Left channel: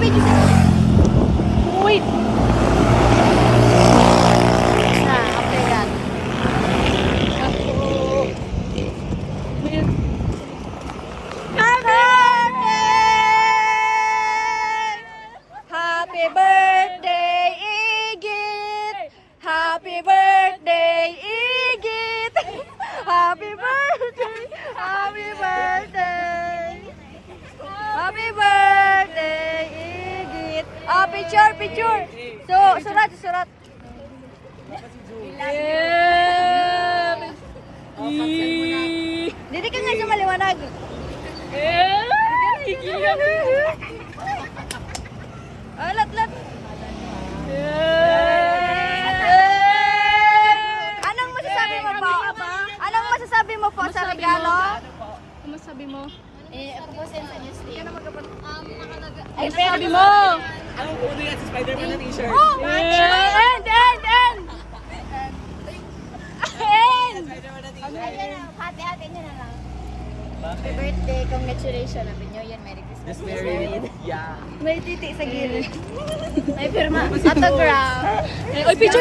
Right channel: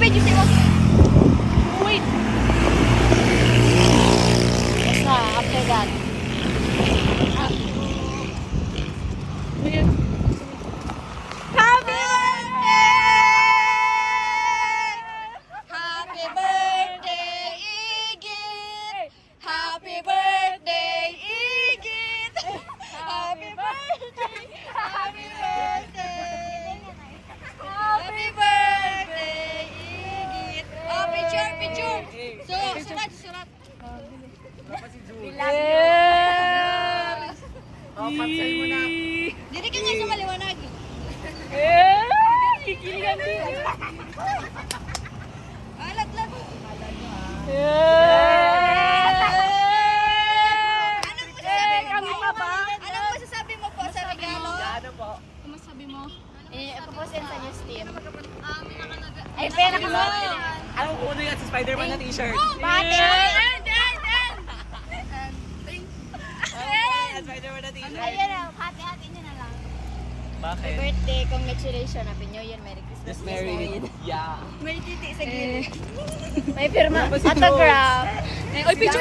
video sa'yo. Wait. Na, after that. Happy birthday, Igit! Happy birthday, Igit! Happy birthday! Happy birthday! Happy birthday, Igit! Oh, picture, picture! So, surat. Dito ka nga sa maliwanag. Kikilang din. Oh, lat. Anong masasabi mo po? Anong masasabi mo po sa regalo? Ano masabi mo? Paposin sa news team. Ay, sabi mo! Ang puno yan si Spider-Man na t-shirt. Spider-Man na t-shirt. Ayan na, hati-hati niya na lang. Bakit? Birthday, congratulations. Happy New Year, Merry Christmas. Just married. Yeah. May titi sa gilid. May pirma. Autograph. Oy, picture